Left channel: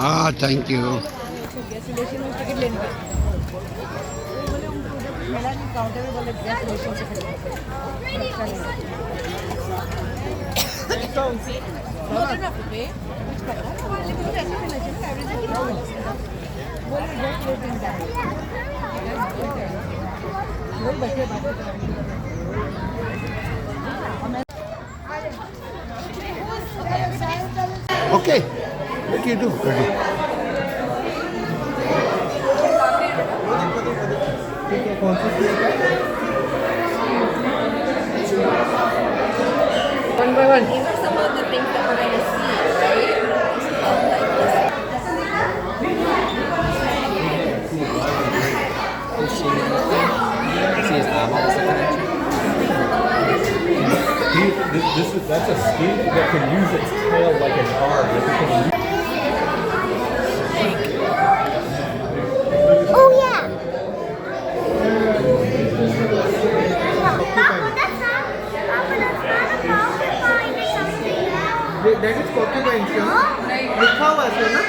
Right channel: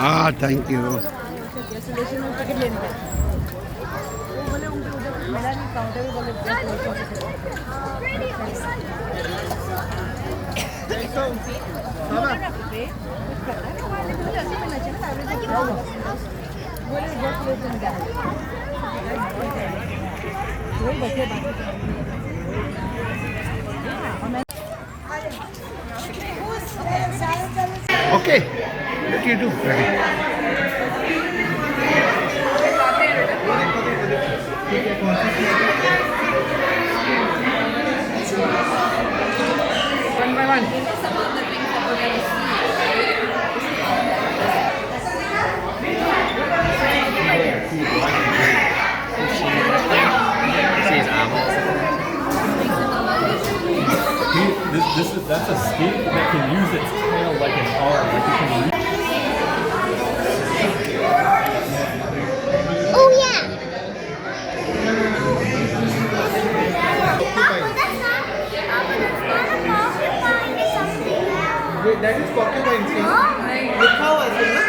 हाँ thank you. Okay let you do ready. One by one. Some of the things that we're going to see, right? See his arm on the second. That's a skink that can use its tail like an arm. Oh yeah. That is porcupine, sir. Likha hua hai sir, na?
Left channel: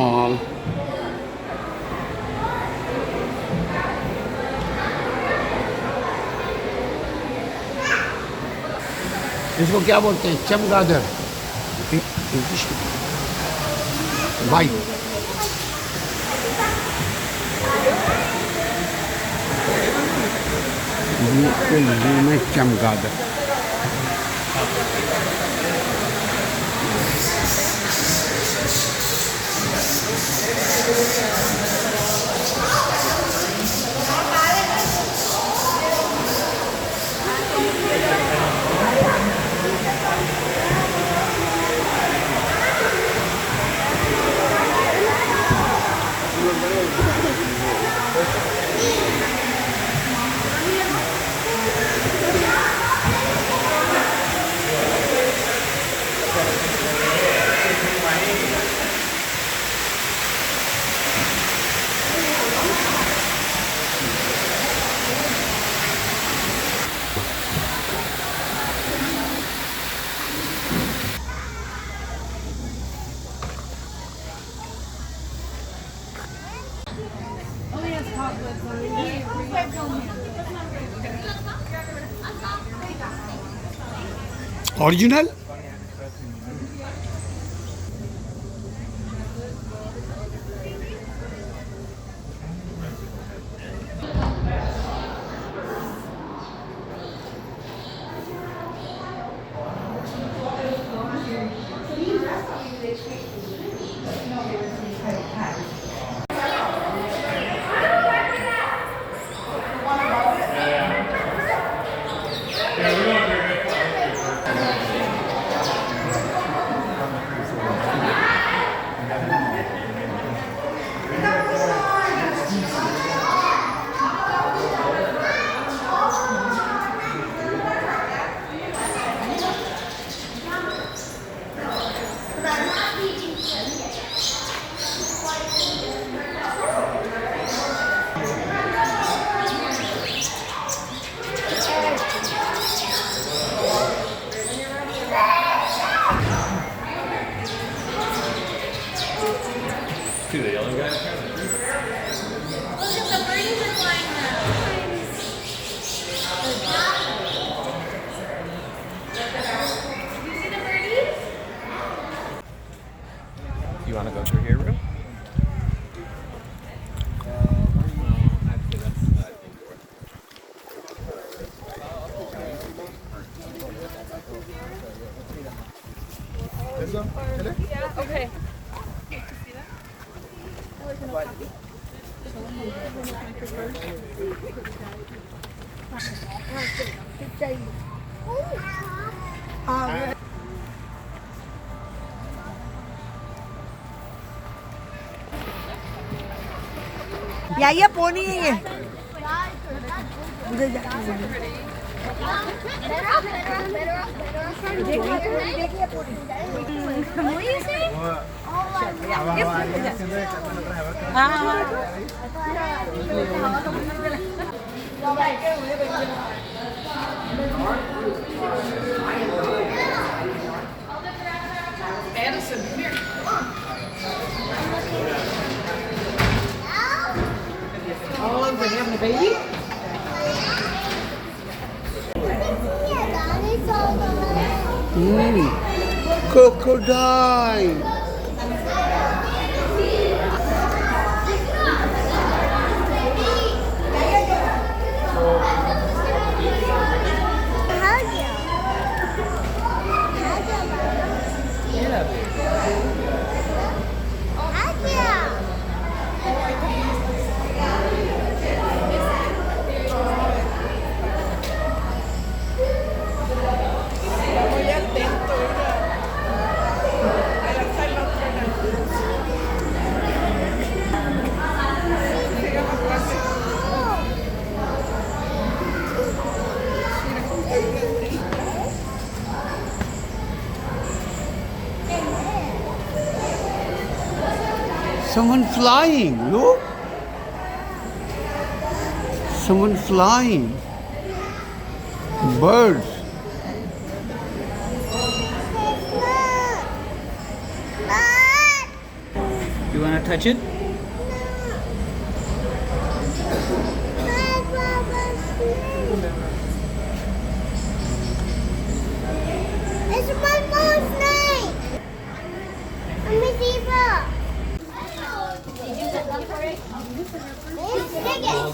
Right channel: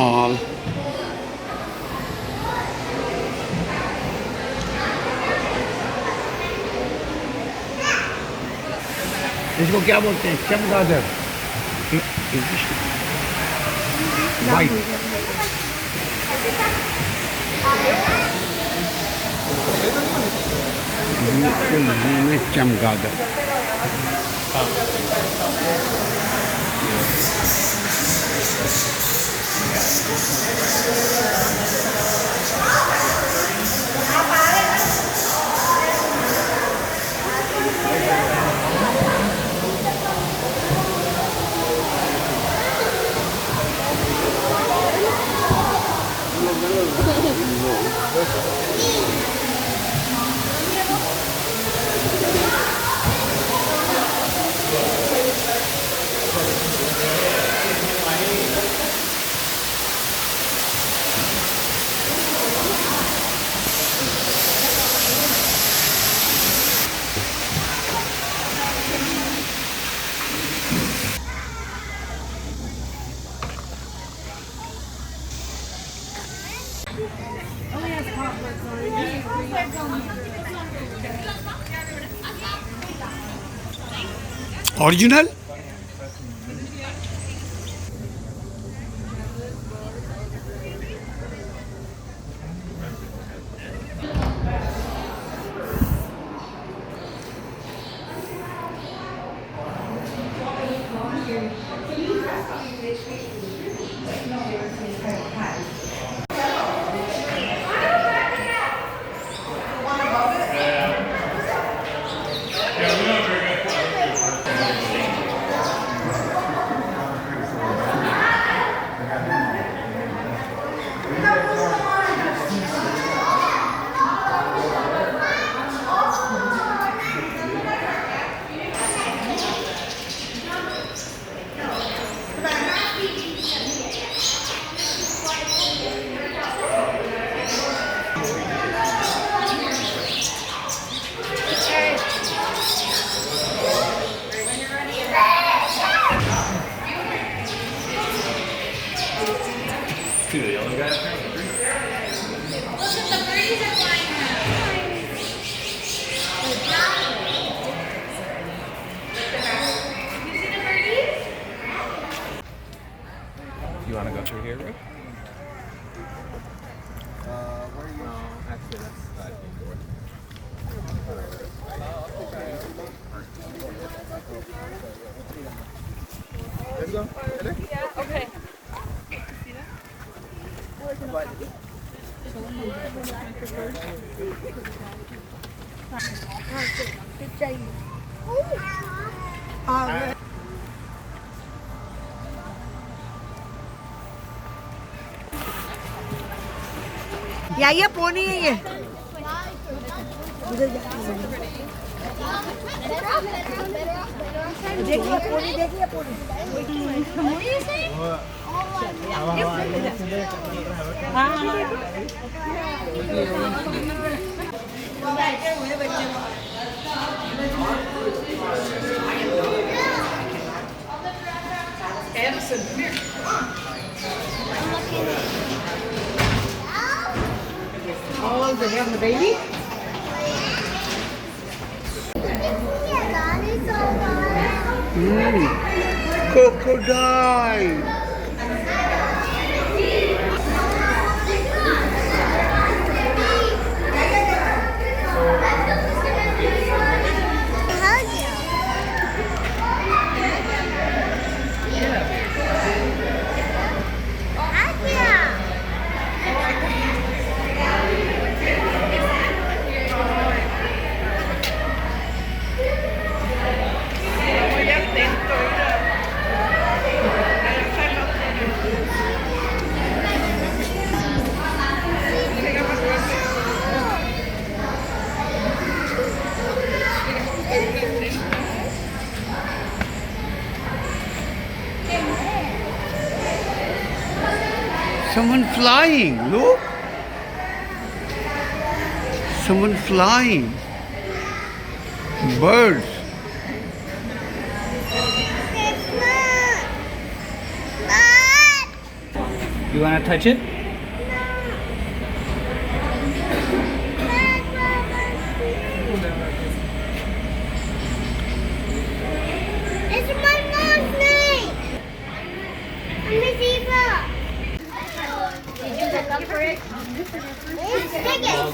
All इसको क्या बोलते हैं? चमगादड़, English white. चमगादड़ original. ये pony है ये उधर देखिए pony Oh, they're having a baby? Crocodile. Someone flying, look. Someone flying. Birds. You want to touch it? It's my mom's name. I'm a zebra. Did you look for it? Stick it.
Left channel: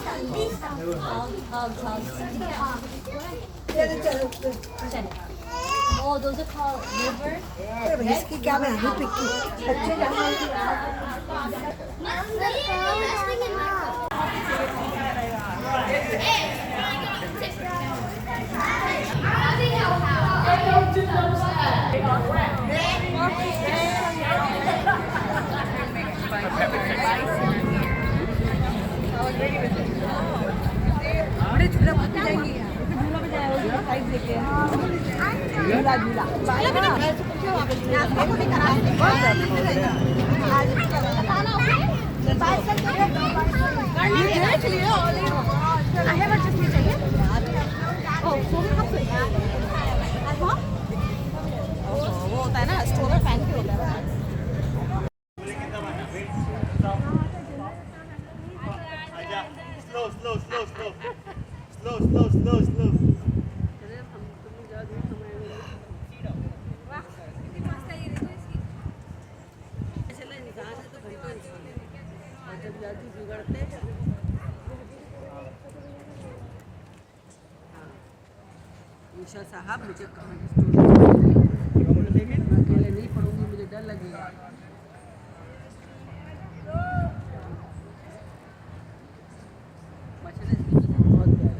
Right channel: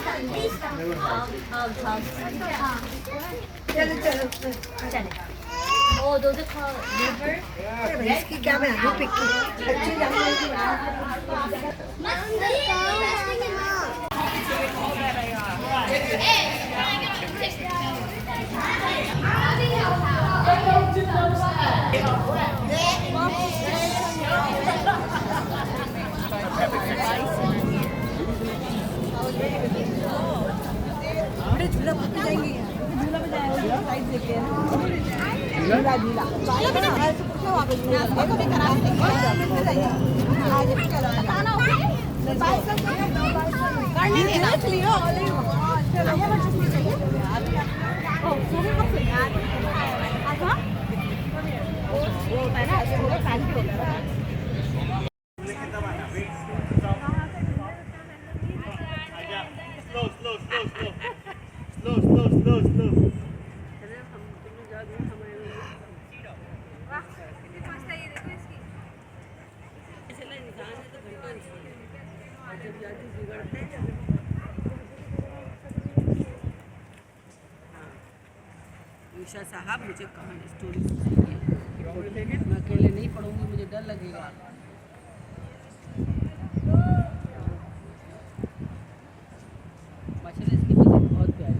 Oh, those are called liver. इसकी क्या मैं भी पिक्की बड़े झूला पकड़ जाएंगे झूला में जाएंगे साइड देखे झूला झूला वहाँ पे देखो भी करा वो होता है ना स्टोर फैन होता है ना ईशा साहब मुझे कहाँ अकेले नहीं पढ़ूंगी मुझे डर लगेगा